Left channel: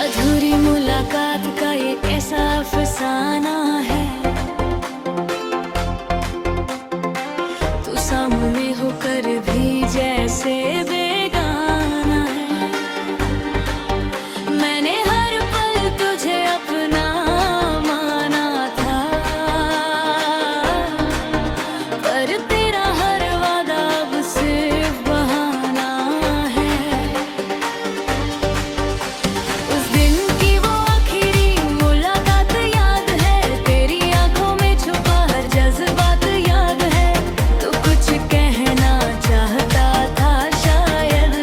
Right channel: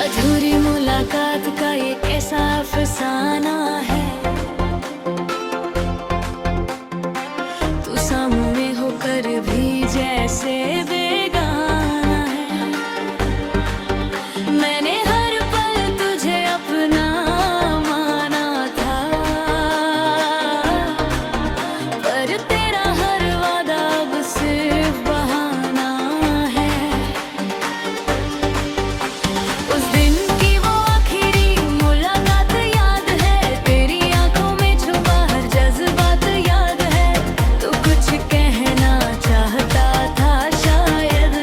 अधूरी मुलाकात का ये कैसा अफसाना है। तू सामने होकर भी जैसे बेगाना है। मैंने हर पल तुझे अपना माना था, पर तेरा हर वादा अब सिर्फ बहाना है। उस दिन की वो आखिरी मुलाकात याद है, तेरी आंखों में छुपा हर जज्बात याद है। तो कुछ कहना चाहता था शायद,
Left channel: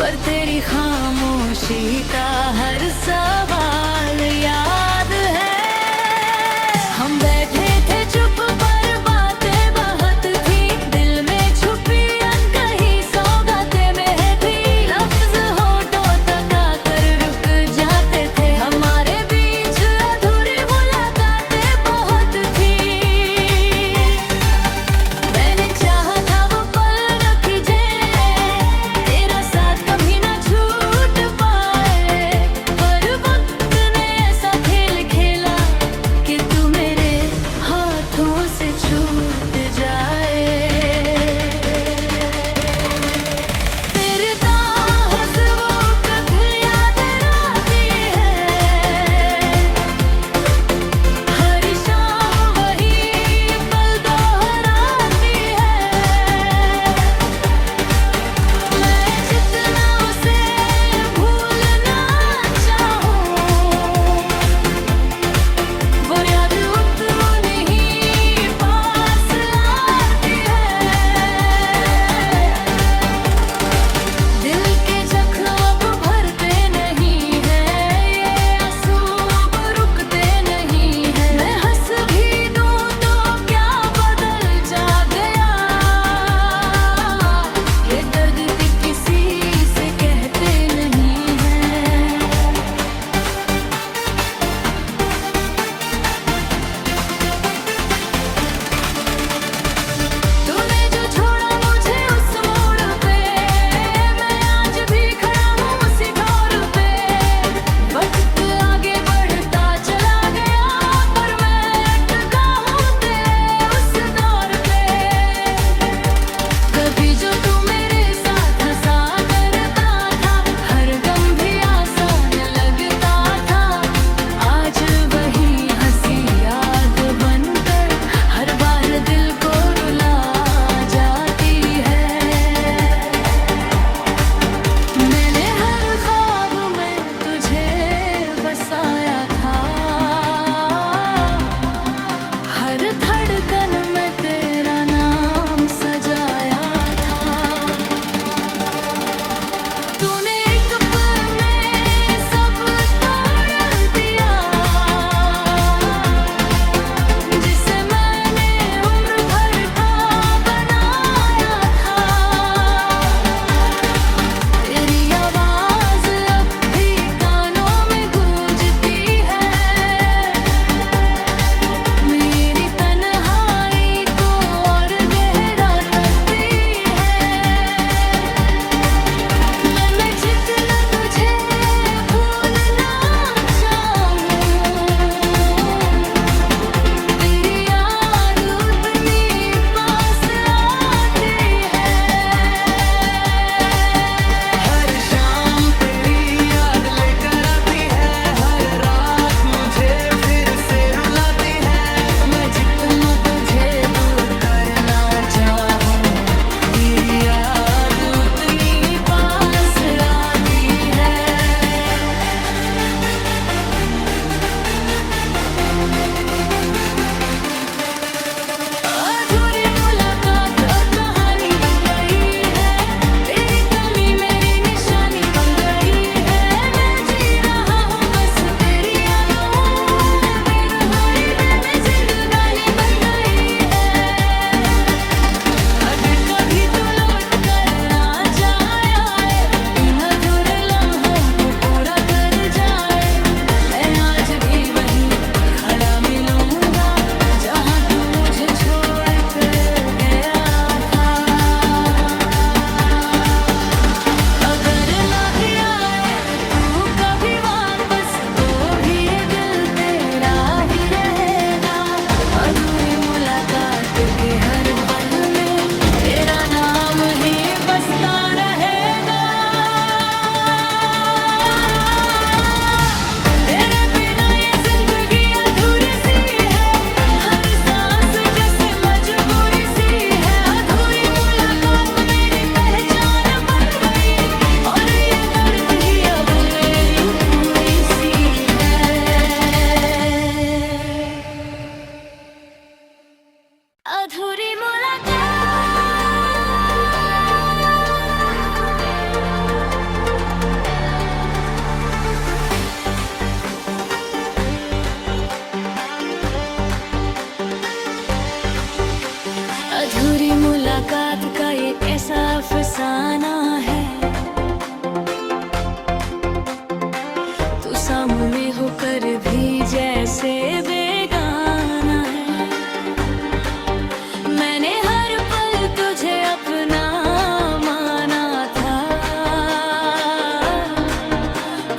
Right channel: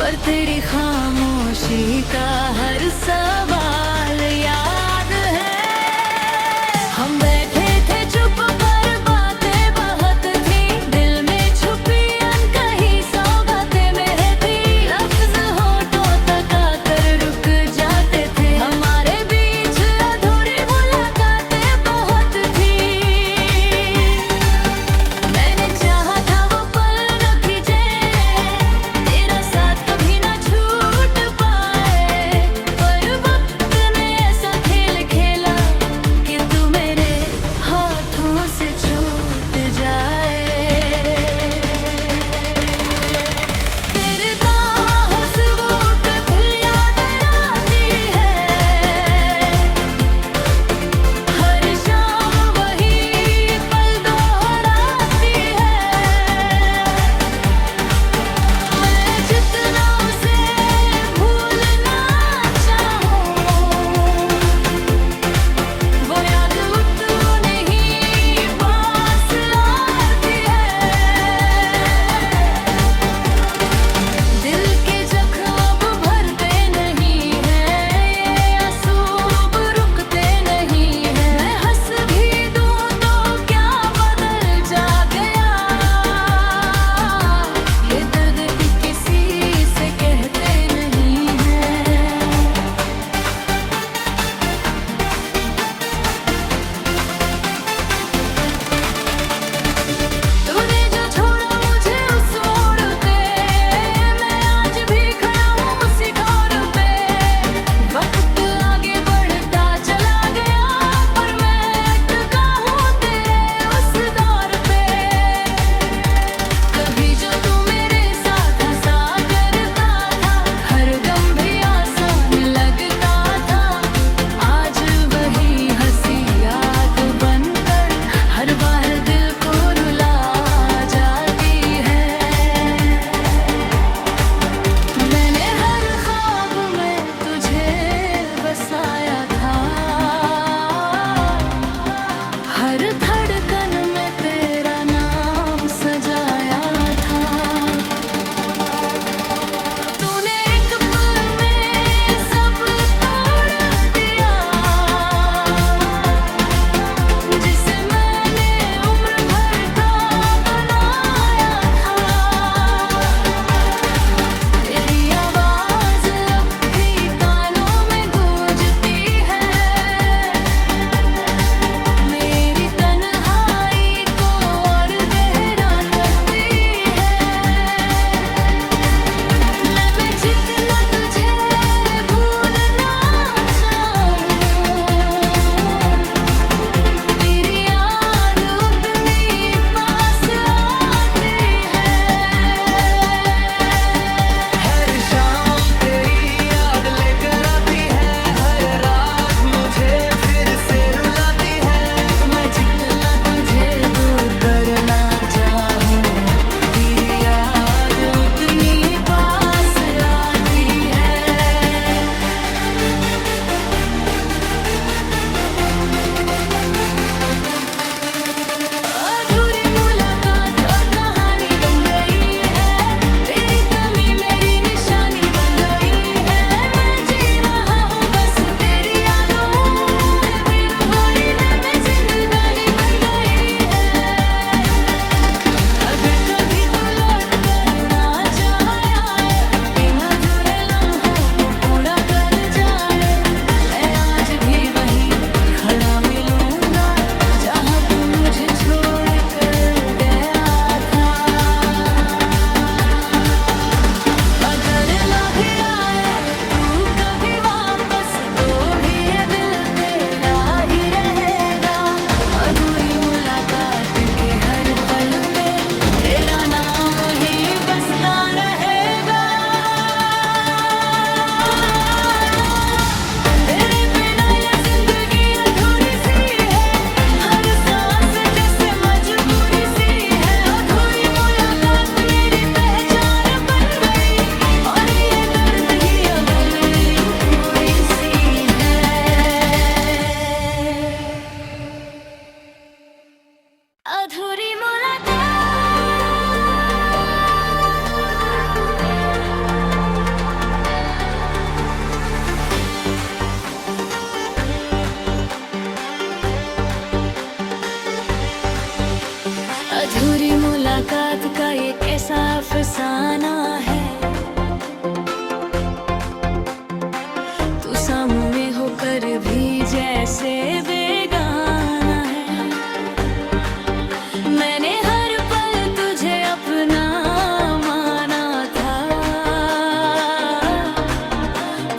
पर तेरी खामोशी का हर सवाल याद है। हम बैठे थे चुप पर बातें बहुत थी, दिल में छुपी अनकही सौगातें में थी। लफ्ज होठों तक आकर रुक जाते थे, हमारे बीच अधूरी मुलाकातें बहुत थी। मैंने चाहा था वो पल न खिंचे, तेरा साथ कभी ना छूट पाए, पर वक्त ने ऐसा खेल खेला कि तू मेरे हाथों से छूट जाए। तेरे ताहस वो कभी याद आती है, हर शाम वही पल दोहराती है। मैं जितना उसे भूलना चाहूं, वो याद उतनी ही पास आती है। दिल के जख्म अब भरते नहीं हैं, ये आंसू अब रुकते नहीं हैं। मैं हंस भी दूं तो क्या बदल जा गया, ये दर्द भी किसी से कहते नहीं हैं। तूने जो छोड़ा मुझे उस मोड़ पे, मैं आज भी खड़ा हूँ उसी ठोर पे। वक्त आगे बढ़ता चला गया, पर मैं अटका हूँ तेरे उस दौर पे। कभी जो तू मेरे साथ हंसा करता था, हर गम भी आसान लगता था। आज वही हंसी याद बनकर हर बार दिल को रुला जाती है। मैंने हर ख्वाब में तुझे बसाया था, हर धड़कन में तेरा नाम सजाया था। तूने एक पल में सब तोड़ दिया, जिसे मैंने उम्र भर का बनाया था। तेरी आवाज अब भी कानों में गूंजती है, मेरी तन्हाई को और गहरा करती है। मैं जितना तुझे भूलना चाहूं, तेरी याद उतनी पास आती है। हर शाम तेरी याद लेकर आती है, हर रात मुझे फिर से रुलाती है। मैं जितना तुझे दूर करना चाहूं, तेरी याद उतनी पास आती है। अधूरी मुलाकात अब कहानी बन गई है, तेरी कमी मेरी निशानी बन गई है। मैं जी रहा हूँ बस तेरी यादों में, बेरहमी में जिंदगानी बन गई है। अगर कभी तू लौट कर ना जाए, इन अधूरे लम्हों को पूरा कर जाए, मैं आज भी वहीं खड़ा मिलूंगा जहाँ तू मुझे छोड़ कर गया था। अगर मुलाकात का ये कैसा अफसाना है, तू सामने होकर भी जैसे बेगाना है। मैंने हर पल तुझे अपना माना था,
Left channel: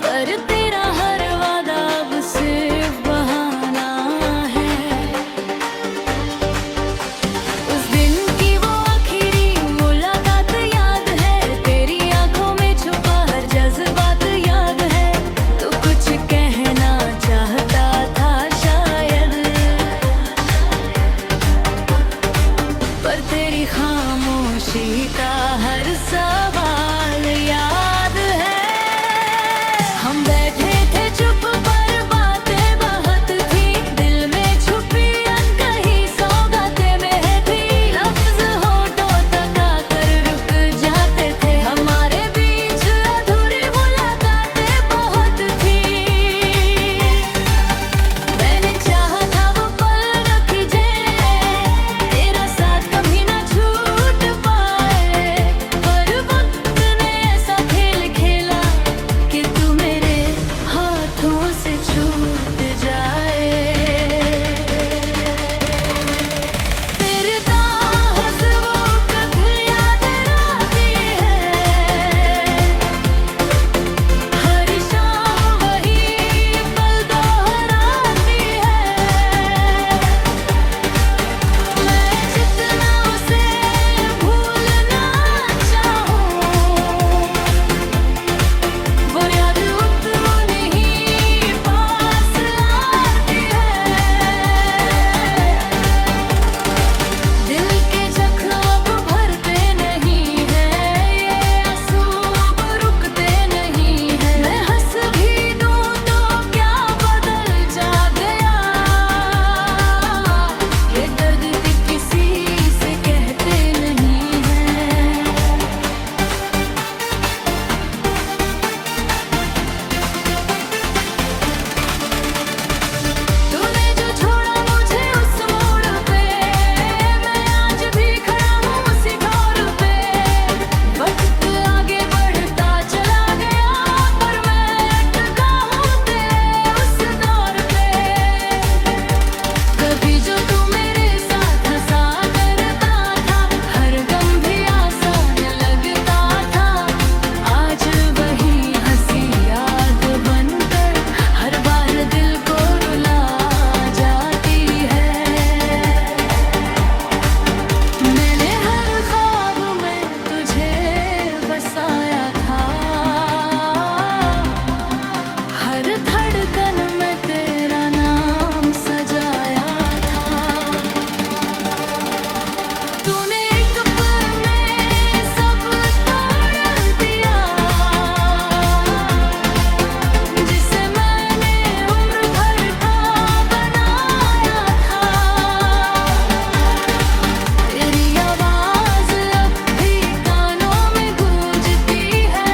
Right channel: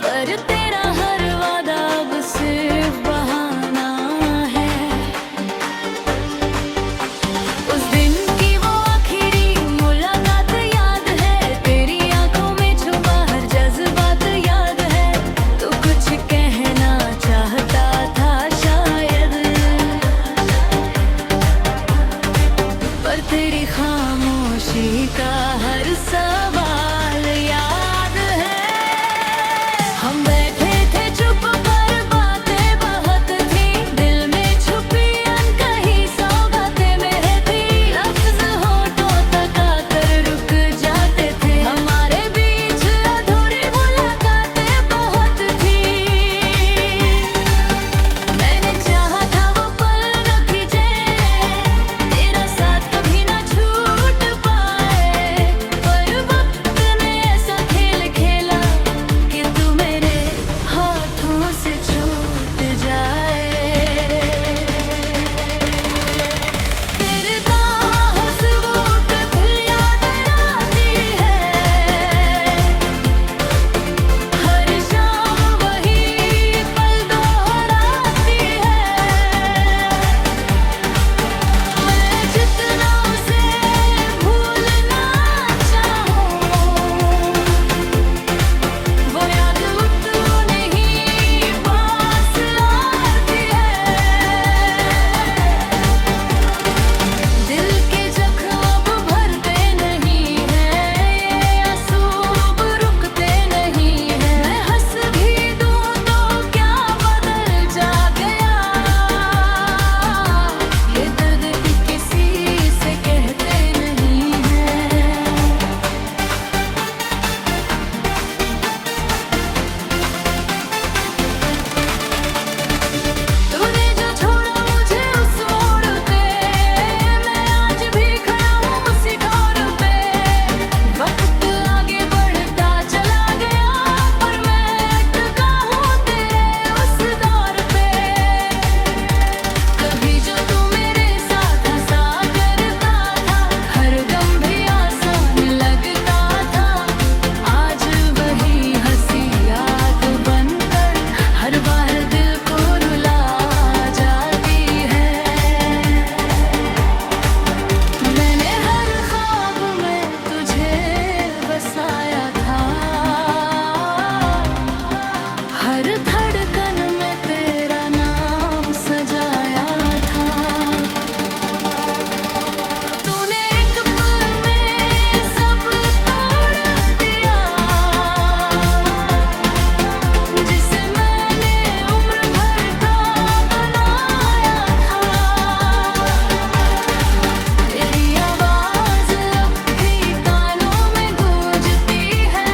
पर तेरा हर वादा अब सिर्फ बहाना है। उस दिन की वो आखिरी मुलाकात याद है, तेरी आंखों में छुपा हर जज्बात याद है। तो कुछ कहना चाहता था शायद, पर तेरी खामोशी का हर सवाल याद है। हम बैठे थे चुप पर बातें बहुत थी, दिल में छुपी अनकही सौगातें महती। लफ्ज होठों तक आकर रुक जाते थे, हमारे बीच अधूरी मुलाकातें बहुत थी। मैंने चाहा था वो पल न खिंचे, तेरा साथ कभी ना छूट पाए, पर वक्त ने ऐसा खेल खेला कि तू मेरे हाथों से छूट जाए। तेरे ताहस वो कभी याद आती है, हर शाम वही पल दोहराती है। मैं जितना उसे भूलना चाहूं, वो याद उतनी ही पास आती है। दिल के जख्म अब भरते नहीं हैं, ये आंसू अब रुकते नहीं हैं। मैं हंस भी दूं तो क्या बदल जा गया, ये दर्द भी किसी से कहते नहीं हैं। तूने जो छोड़ा मुझे उस मोड़ पे, मैं आज भी खड़ा हूँ उसी ठोर पे। वक्त आगे बढ़ता चला गया, पर मैं अटका हूँ तेरे उस दौर पे। कभी जो तू मेरे साथ हंसा करता था, हर गम भी आसान लगता था। आज वही हंसी याद बनकर हर बार दिल को रुला जाती है। मैंने हर ख्वाब में तुझे बसाया था, हर धड़कन में तेरा नाम सजाया था। तूने एक पल में सब तोड़ दिया, जिसे मैंने उम्र भर का बनाया था। तेरी आवाज अब भी कानों में गूंजती है,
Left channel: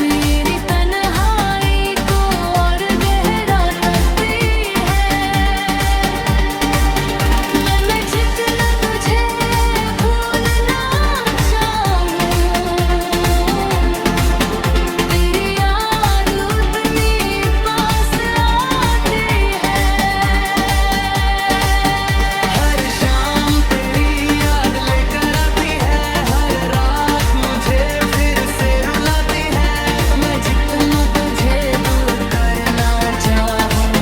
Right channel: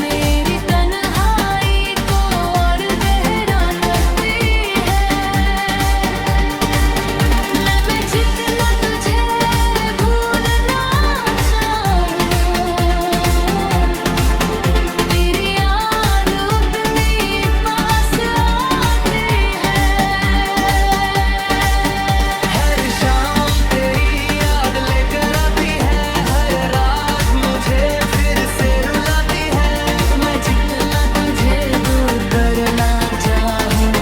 मेरी तन्हाई को और गहरा करती है। मैं जितना तुझे भूलना चाहूं, तेरी याद उतनी पास आती है। हर शाम तेरी याद लेकर आती है, हर रात मुझे फिर से रुलाती है। मैं जितना तुझे दूर करना चाहूं,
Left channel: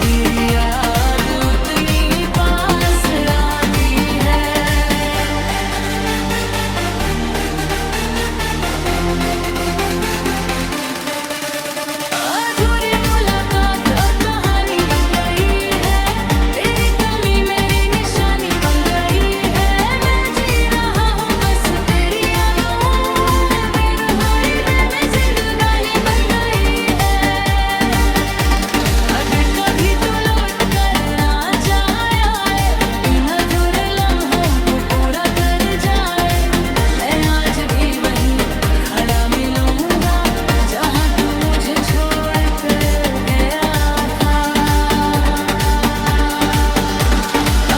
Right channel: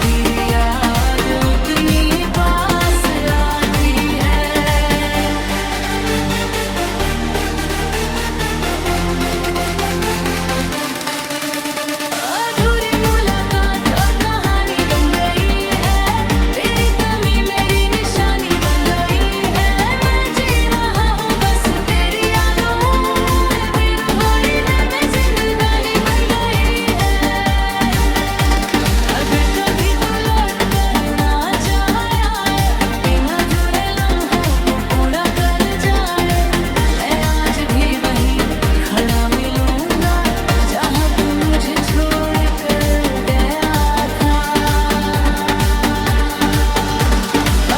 तेरी याद उतनी पास आती है। अधूरी मुलाकात अब कहानी बन गई है, तेरी कमी मेरी निशानी बन गई है। मैं जी रहा हूँ बस तेरी यादों में, बेरहमी में जिंदगानी बन गई है। अगर कभी तू लौट कर ना जाए, इन अधूरे लम्हों को पूरा कर जाए, मैं आज भी वहीं खड़ा मिलूंगा जहाँ तू मुझे छोड़ कर गया था।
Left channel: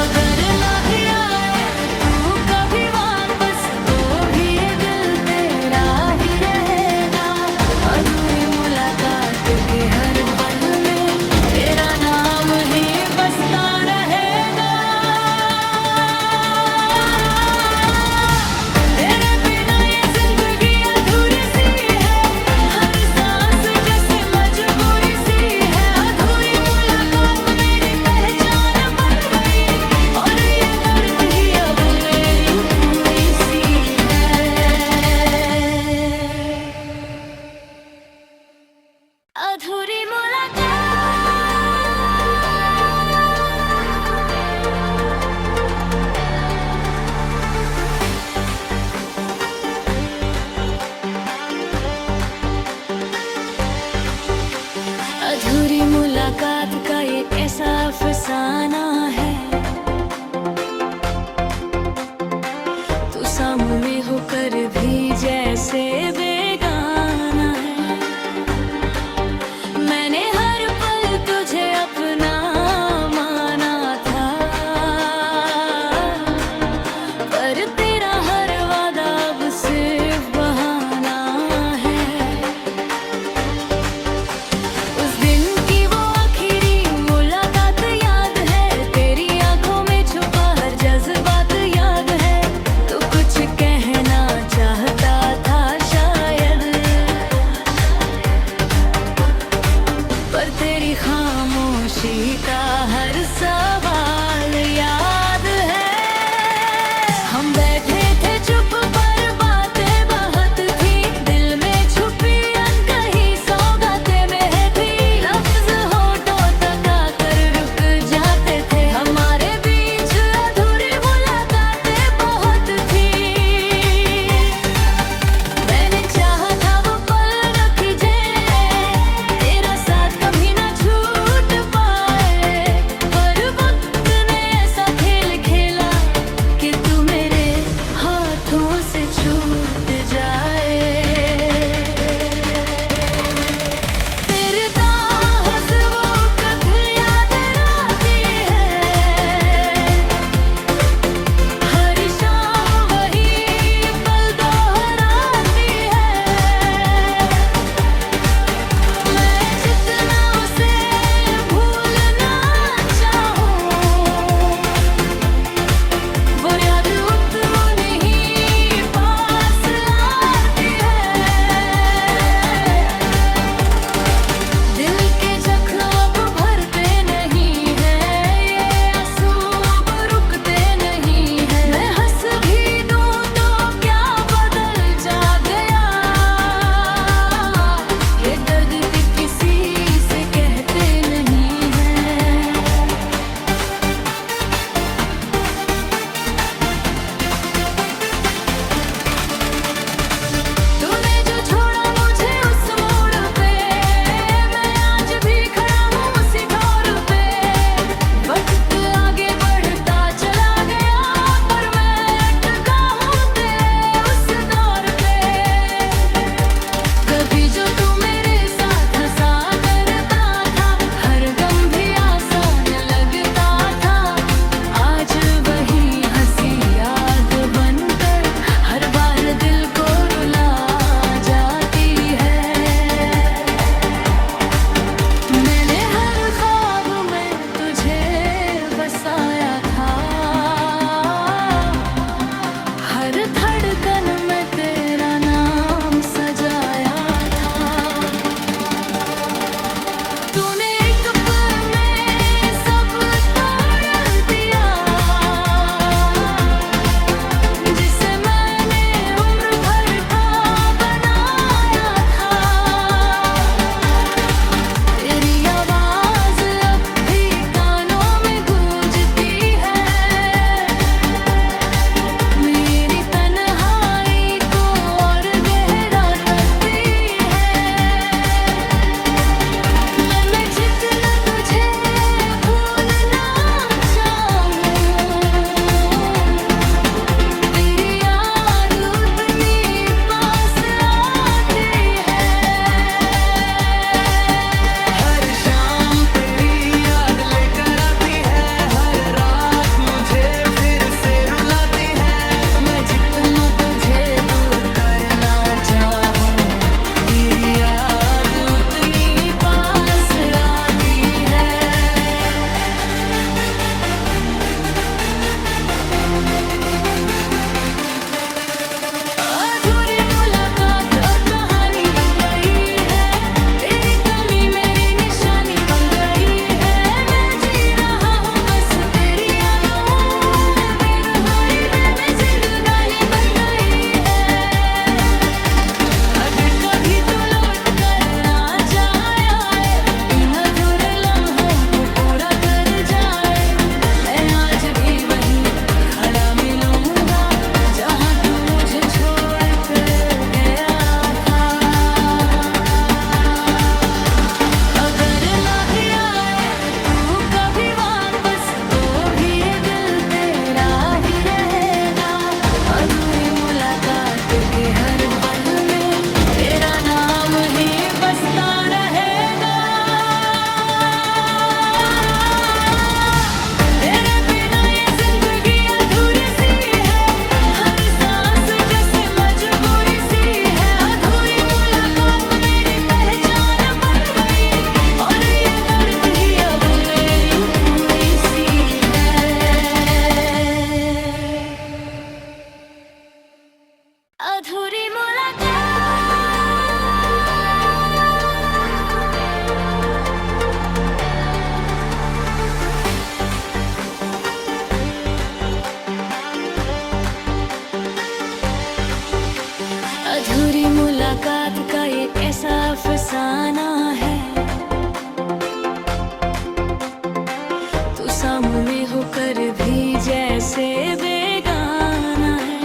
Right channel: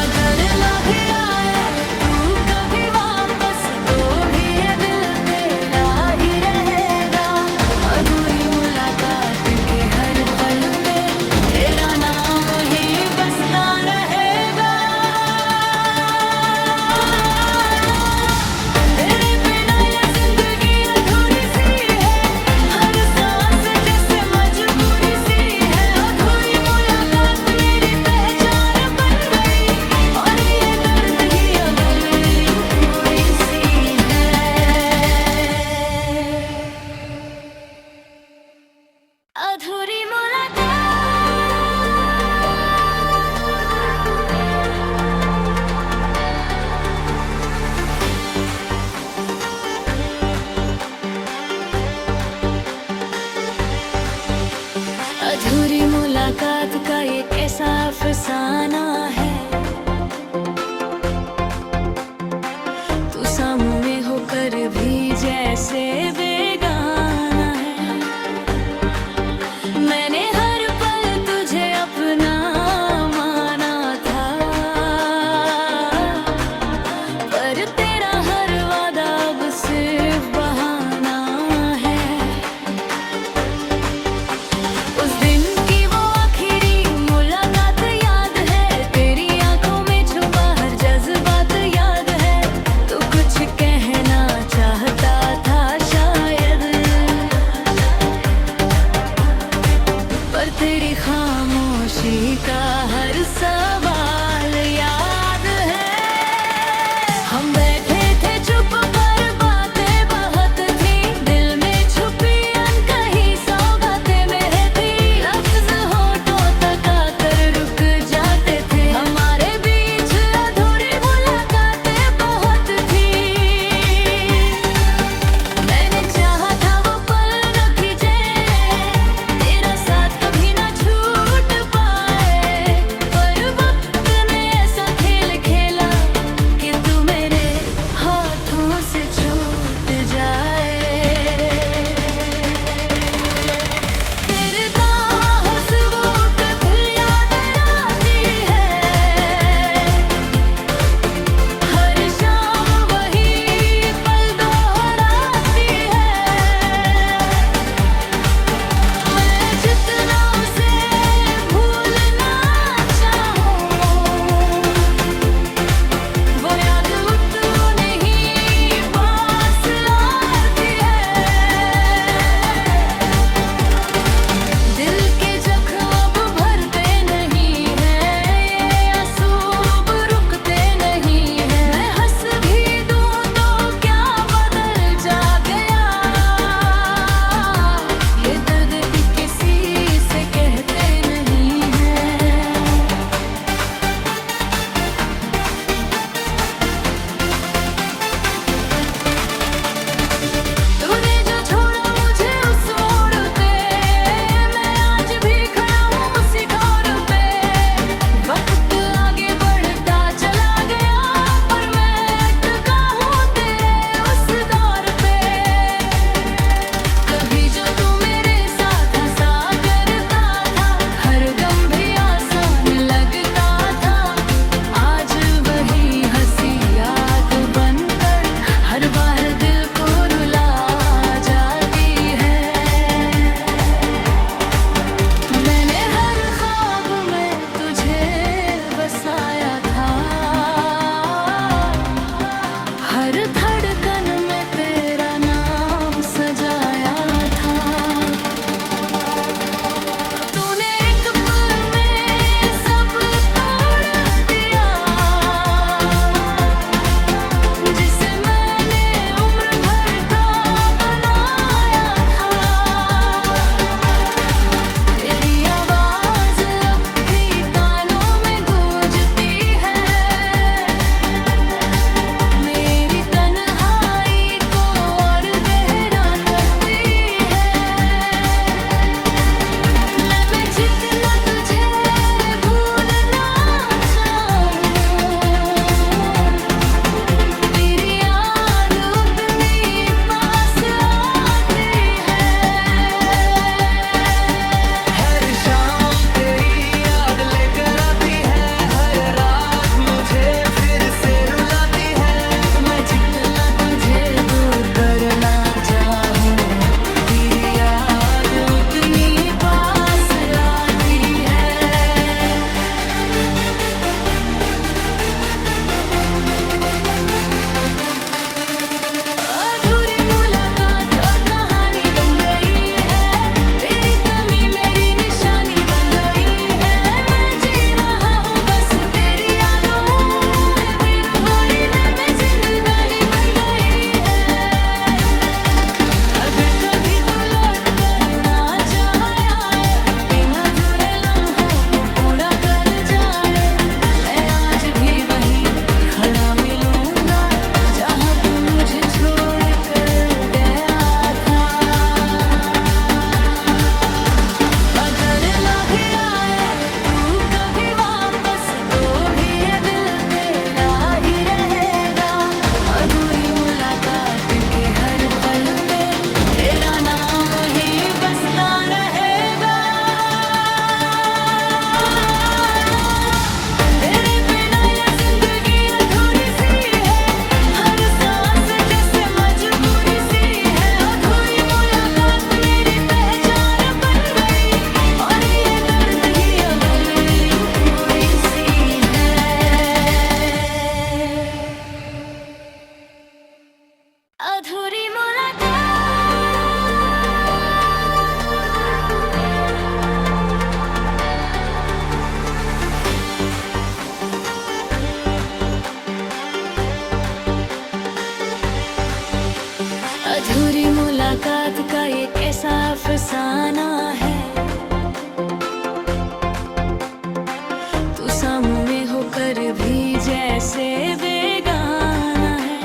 अगर ना भी आए के हर पल में तेरा नाम ही बसता रहेगा। तेरे बिना ये जिंदगी अधूरी सी है, हर सांस जैसे मजबूरी सी है। अधूरी मुलाकात मेरी पहचान बन गई, और ये दर्द ही अब मेरी पूरी सी है। अधूरी मुलाकात। अधूरी मुलाकात का ये कैसा अफसाना है। तू सामने होकर भी जैसे बेगाना है। मैंने हर पल तुझे अपना माना था, पर तेरा हर वादा अब सिर्फ बहाना है। उस दिन की वो आखिरी मुलाकात याद है, तेरी आंखों में छुपा हर जज्बात याद है। तू कुछ कहना चाहता था शायद, पर तेरी खामोशी का हर सवाल याद है। हम बैठे थे चुप पर बातें बहुत थी, दिल में छुपी अनकही सौगातें में थी। लफ्ज होठों तक आकर रुक जाते थे, हमारे बीच अधूरी मुलाकातें बहुत थी। मैंने चाहा था वो पल न खिंचे, तेरा साथ कभी ना छूट पाए, पर वक्त ने ऐसा खेल खेला कि तू मेरे हाथों से छूट जाए। तेरे ताहस वो कभी याद आती है, हर शाम वही पल दोहराती है। मैं जितना उसे भूलना चाहूं, वो याद उतनी ही पास आती है। दिल के जख्म अब भरते नहीं हैं, ये आंसू अब रुकते नहीं हैं। मैं हंस भी दूं तो क्या बदल जा गया, ये दर्द भी किसी से कहते नहीं हैं। तूने जो छोड़ा मुझे उस मोड़ पे, मैं आज भी खड़ा हूँ उसी ठोर पे। वक्त आगे बढ़ता चला गया, पर मैं अटका हूँ तेरे उस दौर पे। कभी जो तू मेरे साथ हंसा करता था, हर गम भी आसान लगता था। आज वही हंसी याद बनकर हर बार दिल को रुला जाती है। मैंने हर ख्वाब में तुझे बसाया था, हर धड़कन में तेरा नाम सजाया था। तूने एक पल में सब तोड़ दिया, जिसे मैंने उम्र भर का बनाया था। तेरी आवाज अब भी कानों में गूंजती है, मेरी तन्हाई को और गहरा करती है। मैं जितना तुझे भूलना चाहूं, तेरी याद उतनी पास आती है। हर शाम तेरी याद लेकर आती है, हर रात मुझे फिर से रुलाती है। मैं जितना तुझे दूर करना चाहूं, तेरी याद उतनी पास छोड़ कर गया था। अगर ना भी आए तू कभी वापस तो भी ये दिल तेरा ही रहेगा। अधूरी मुलाकात के हर पल में तेरा नाम ही बसता रहेगा। तेरे बिना ये जिंदगी अधूरी सी है, हर सांस जैसे मजबूरी सी है। अधूरी मुलाकात मेरी पहचान बन गई और ये दर्द ही अब मेरी पूरी सी है। अधूरी मुलाकात। अधूरी मुलाकात का ये कैसा अफसाना है। तू सामने होकर भी जैसे बेगाना है।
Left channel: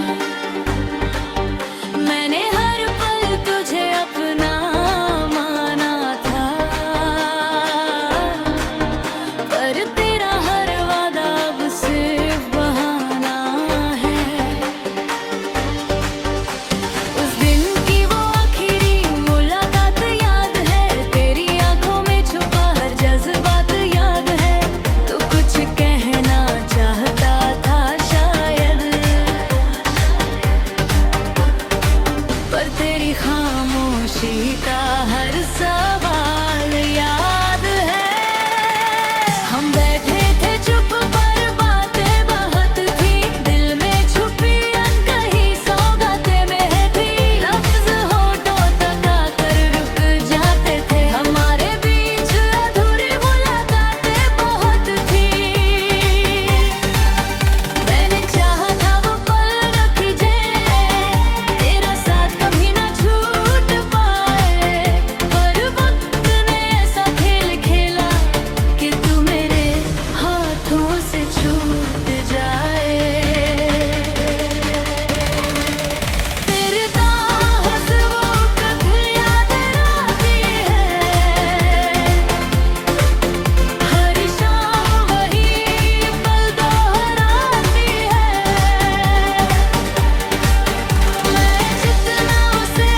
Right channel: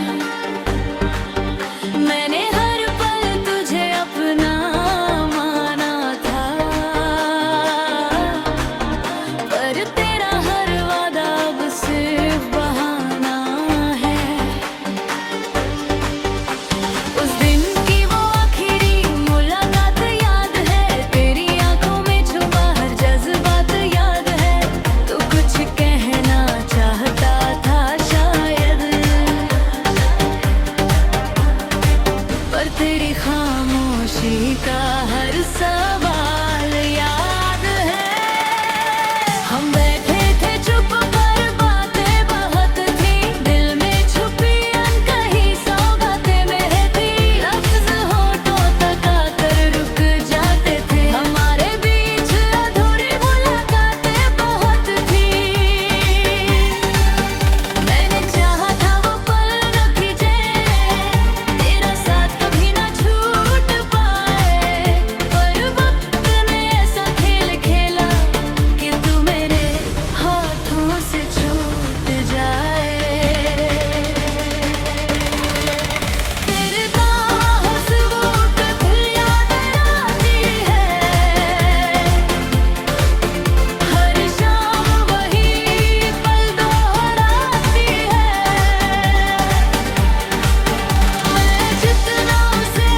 मैंने हर पल तुझे अपना माना था, पर तेरा हर वादा अब सिर्फ बहाना है। उस दिन की वो आखिरी मुलाकात याद है, तेरी आंखों में छुपा हर जज्बात याद है। तो कुछ कहना चाहता था शायद, पर तेरी खामोशी का हर सवाल याद है। हम बैठे थे चुप पर बातें बहुत थी, दिल में छुपी अनकही सौगातें में थी। लफ्ज होठों तक आकर रुक जाते थे, हमारे बीच अधूरी मुलाकातें बहुत थी। मैंने चाहा था वो पल न खिंचे, तेरा साथ कभी ना छूट पाए, पर वक्त ने ऐसा खेल खेला कि तू मेरे हाथों से छूट जाए। तेरे ताहत वो कभी याद आती है, हर शाम वही पल दोहराती है। मैं जितना उसे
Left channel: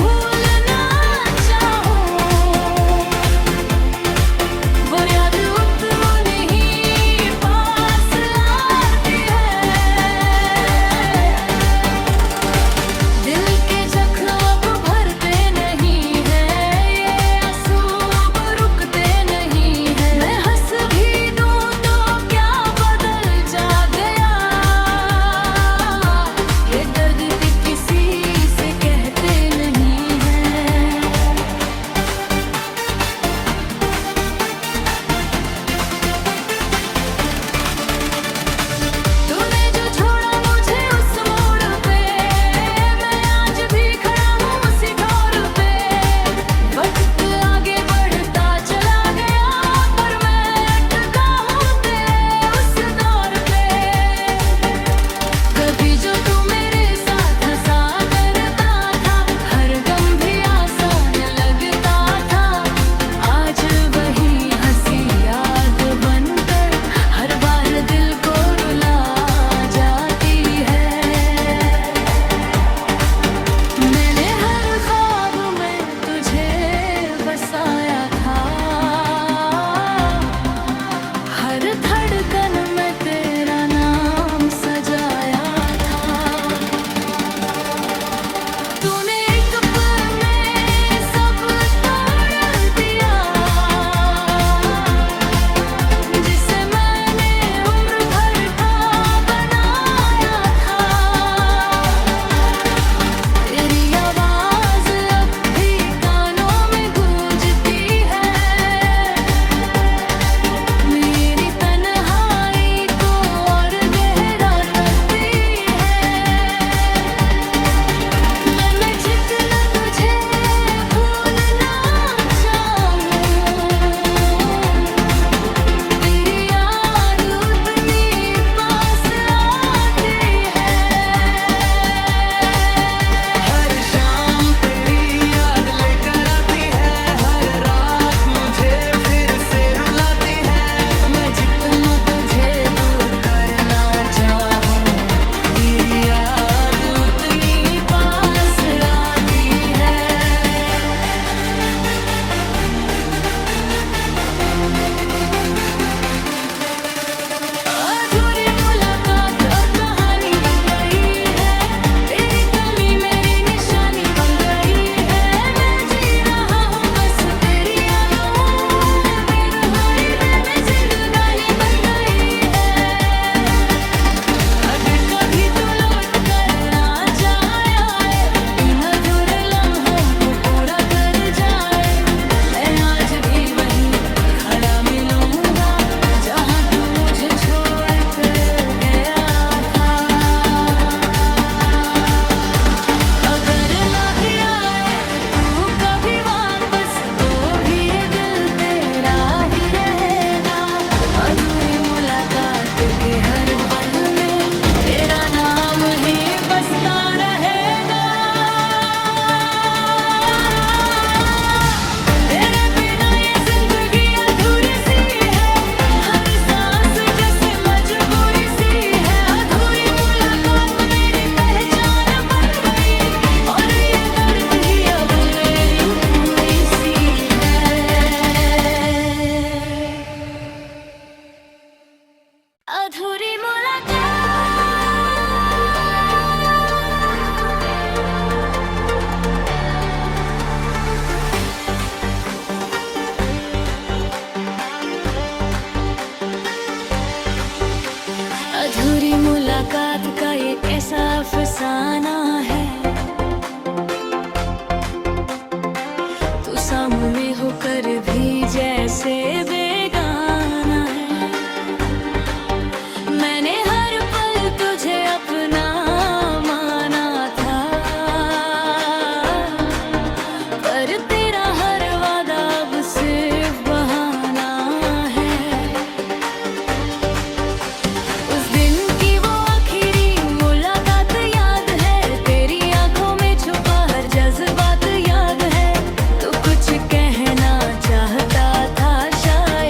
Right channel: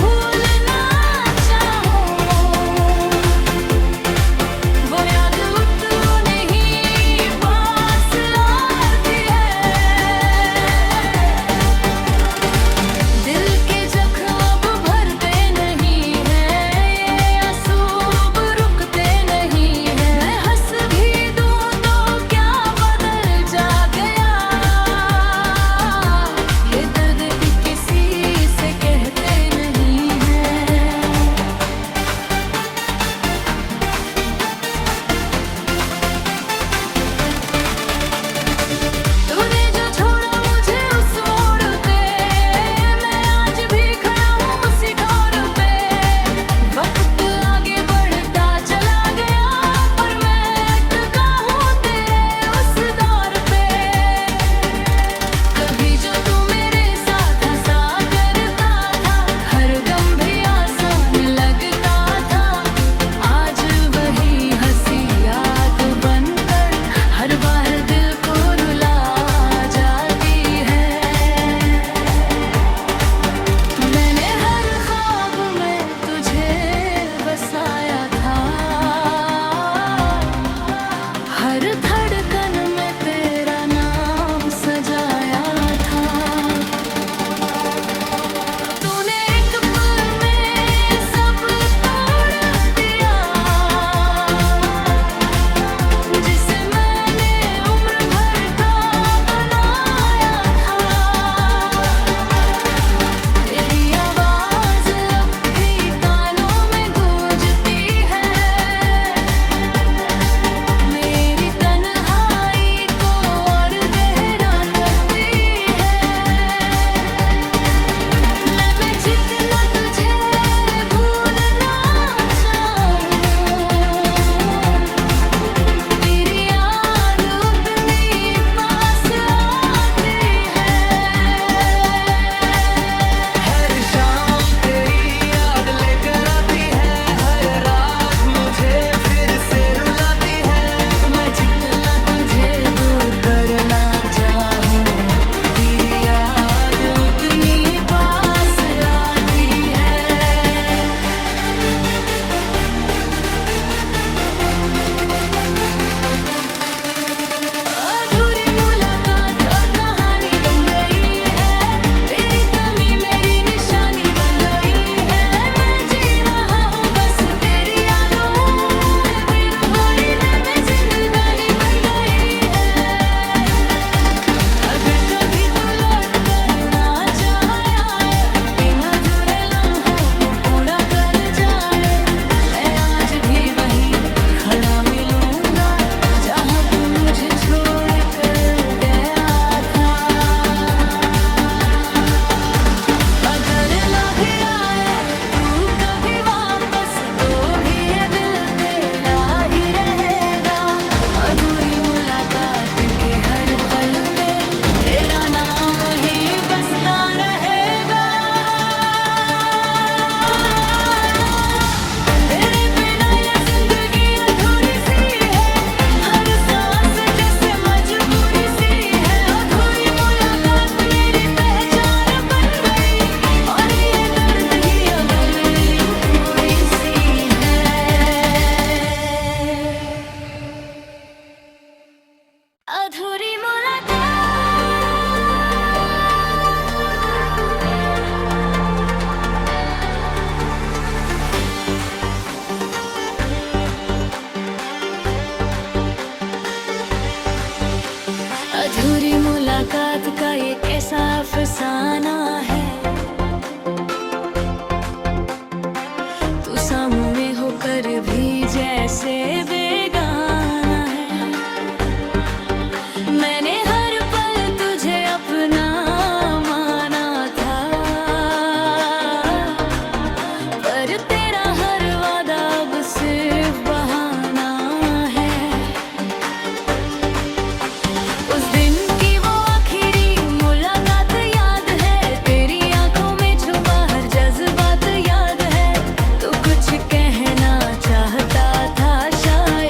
भूलना चाहूं, वो याद उतनी ही पास आती है। दिल के जख्म अब भरते नहीं हैं, ये आंसू अब रुकते नहीं हैं। मैं हंस भी दूं तो क्या बदल जा गया, ये दर्द भी किसी से कहते नहीं हैं। तूने जो छोड़ा मुझे उस मोड़ पे, मैं आज भी खड़ा हूँ उसी ठोर पे। वक्त आगे बढ़ता चला गया, पर मैं अटका हूँ तेरे उस दौर पे। कभी जो तू मेरे साथ हंसा करता था, हर गम भी आसान लगता था। आज वही हंसी याद बनकर हर बार दिल को रुला जाती है। मैंने हर ख्वाब में तुझे बसाया था, हर धड़कन में तेरा नाम सजाया था। तूने एक पल में सब तोड़ दिया, जिसे मैंने उम्र भर का बनाया था। तेरी आवाज अब भी कानों में गूंजती है, मेरी तन्हाई को पूरा कर जाए। मैं आज भी वहीं खड़ा मिलूंगा जहाँ तू मुझे छोड़ कर गया था। अगर ना भी आए तू कभी वापस तो भी ये दिल तेरा ही रहेगा। अधूरी मुलाकात के हर पल में तेरा नाम ही बसता रहेगा। तेरे बिना ये जिंदगी अधूरी सी है, हर सांस जैसे मजबूरी सी है। अधूरी मुलाकात मेरी पहचान बन गई और ये दर्द ही अब मेरी पूरी सी है। अधूरी मुलाकात। अधूरी मुलाकात का ये कैसा अफसाना है। तू सामने होकर भी जैसे बेगाना है। मैंने हर पल तुझे अपना माना था, पर तेरा हर वादा अब सिर्फ बहाना है। उस दिन की वो आखिरी मुलाकात याद है, तेरी आंखों में छुपा हर जज्बात याद है। तू कुछ कहना चाहता था शायद,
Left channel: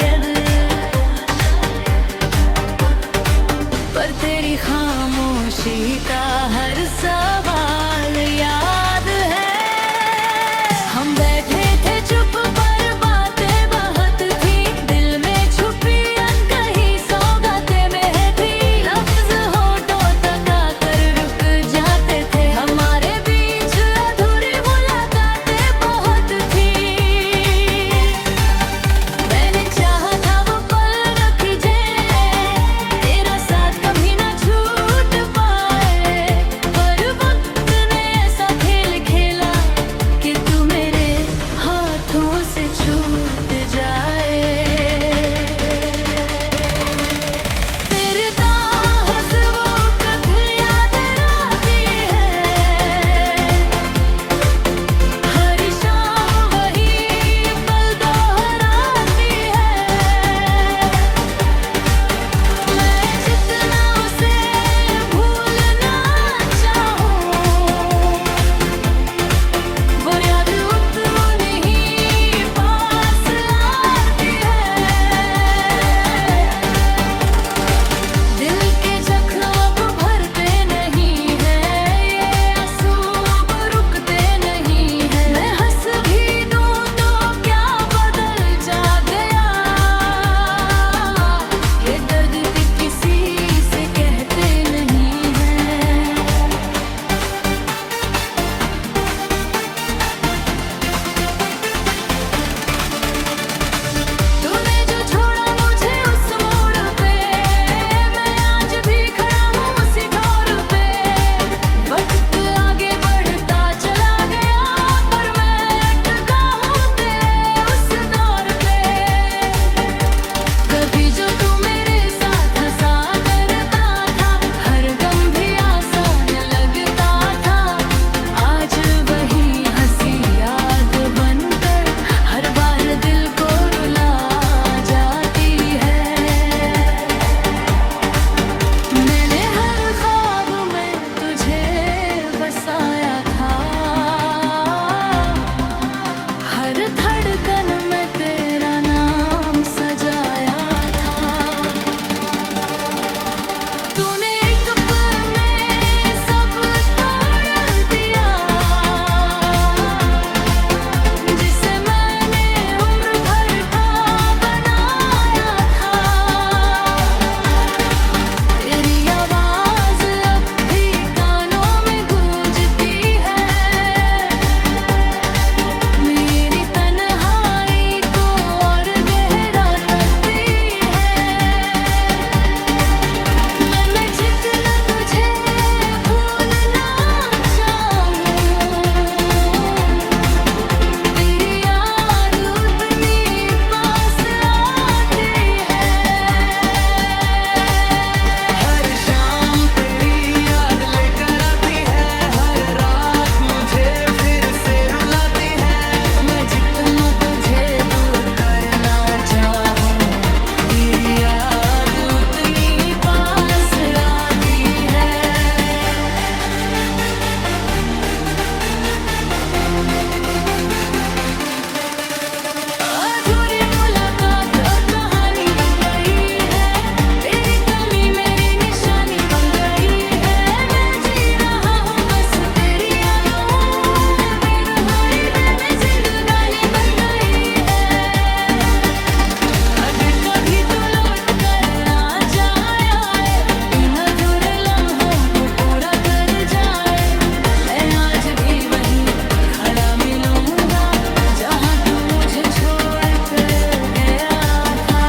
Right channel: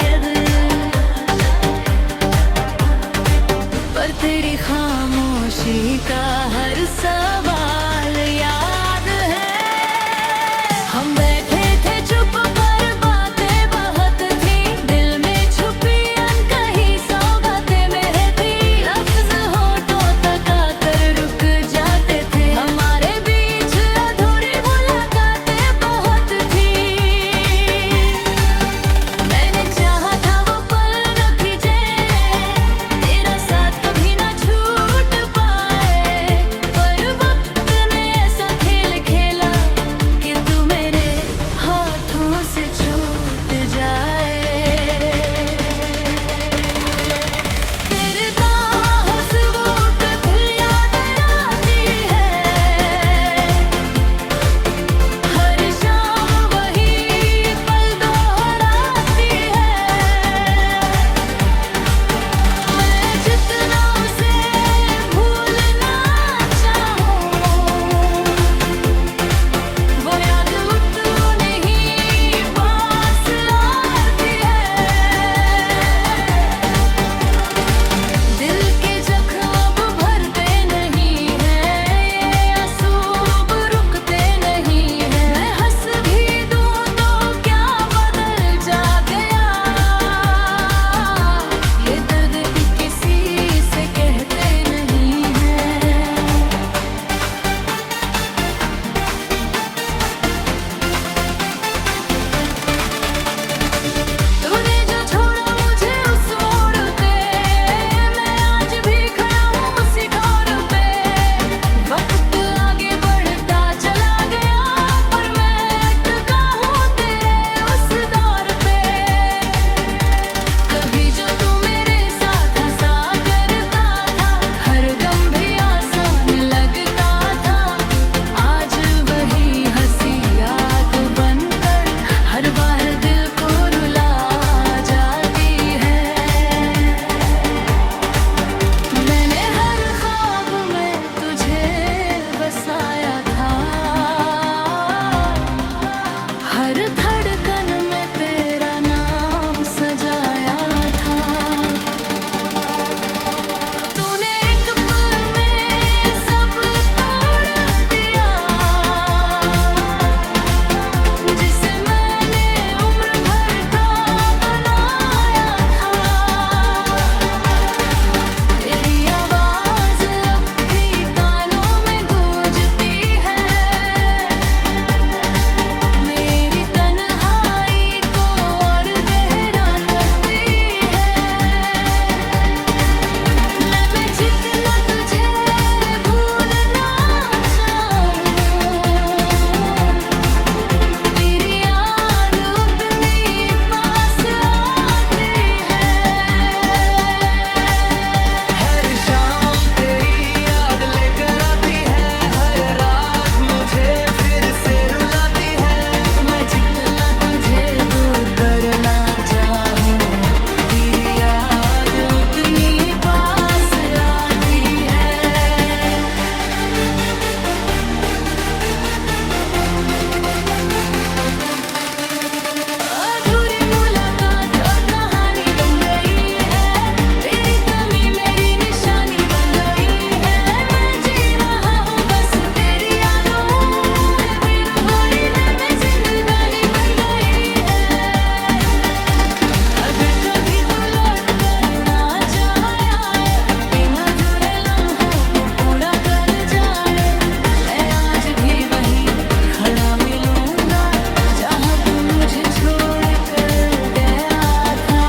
मुझे छोड़ कर गया था।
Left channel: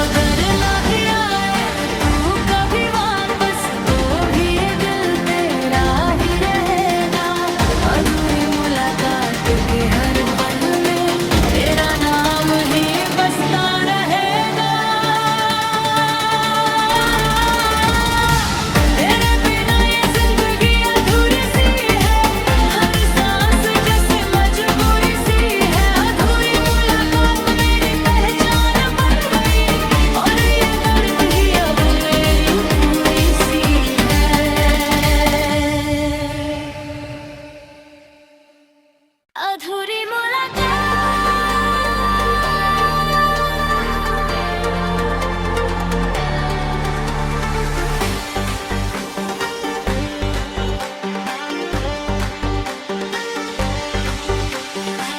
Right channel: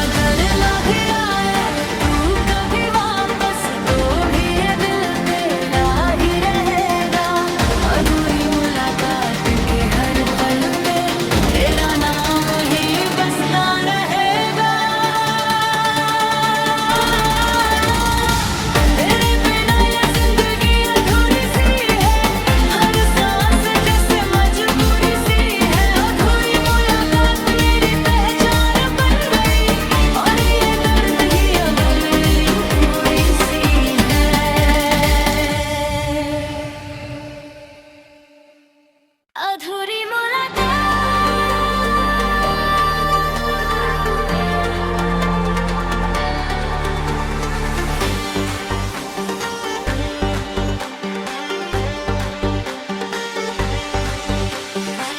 अगर ना भी आए तू कभी वापस तो भी ये दिल तेरा ही रहेगा। अधूरी मुलाकात के हर पल में तेरा नाम ही बसता रहेगा। तेरे बिना ये जिंदगी अधूरी सी है, हर सांस जैसे मजबूरी सी है। अधूरी मुलाकात मेरी पहचान बन गई और ये दर्द ही अब मेरी पूरी सी है। अधूरी मुलाकात।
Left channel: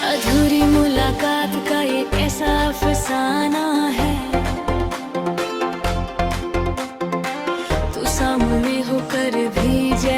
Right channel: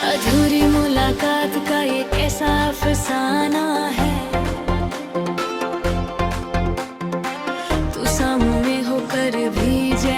अधूरी मुलाकात का ये कैसा अफसाना है। तू सामने होकर भी जै